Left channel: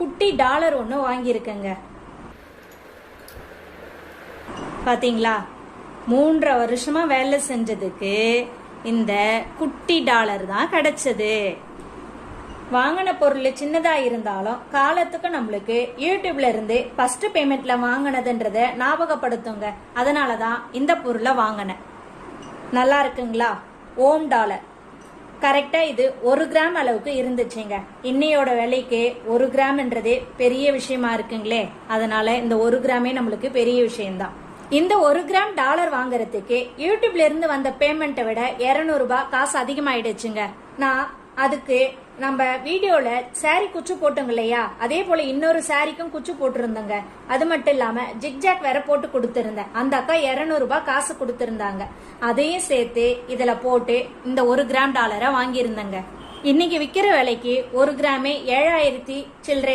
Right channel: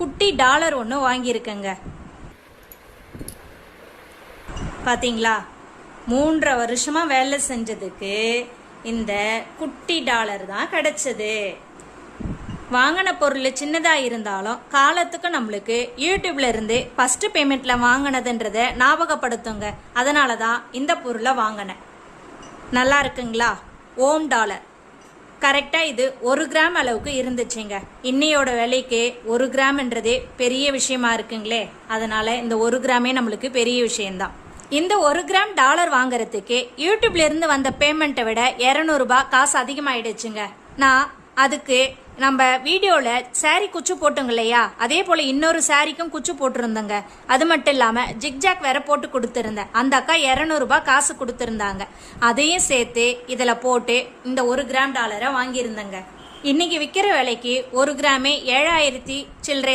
குட்டி டாலர் ஒன்று வாங்கியிருக்கேங்க. பாத்தீங்களா, 3.5 வருஷமா வேலை செஞ்சதுக்கு இந்த குட்டி டாலர் தான் கிடைச்சது. வாங்கின பொருள் சின்னதா இருந்தாலும் காலத்துக்கு நம்மளுக்கு யூடியூப்ல இருந்து ஃபர்ஸ்ட் பேமெண்ட்ல வாங்கினதுன்றத ஞாபகப்படுத்துங்க. அதனாலதான் இந்த பொருளை வாங்கினேன். நல்லா இருக்குங்களா? ஓம் டாலர் கரெக்டா இது 1 கிராம் அளவுக்கு இருந்துச்சுங்க. இன்னையோட விலைக்கு 1 கிராம்ன்றதே பெரிய விஷயமா இருக்குங்களே. அதனால இந்த 1 கிராமே நம்மளுக்கு பெரிய விஷயம்தான். இந்த 1 கிராம் டாலர் வாங்குறதுக்கு யூடியூப்ல இருந்து வந்த பேமெண்ட்டை விட 200 ரூபாய் காசு அதிகமாயிடுச்சுங்க. நான் அதுக்கு நம்ம வீடியோல சாரி குச்சு போட்டோங்க இல்லையா, அதே போல இன்னொரு சாரிக்கும் குச்சு போட்டிருந்தோங்க. அது மட்டும் இல்லாம ஜிக்ஜாக் வேற போட்டு கொடுத்திருந்தேன். அந்த அக்கா 200 ரூபாய் காசு கொடுத்திருந்தாங்க. அதையும் சேர்த்து இதுல போட்டு இந்த 1 கிராம் டாலரை வாங்கியிருந்தேங்க. இன்னைக்கு விற்கிற விலைக்கு 1 கிராமே 7000 சில்லறை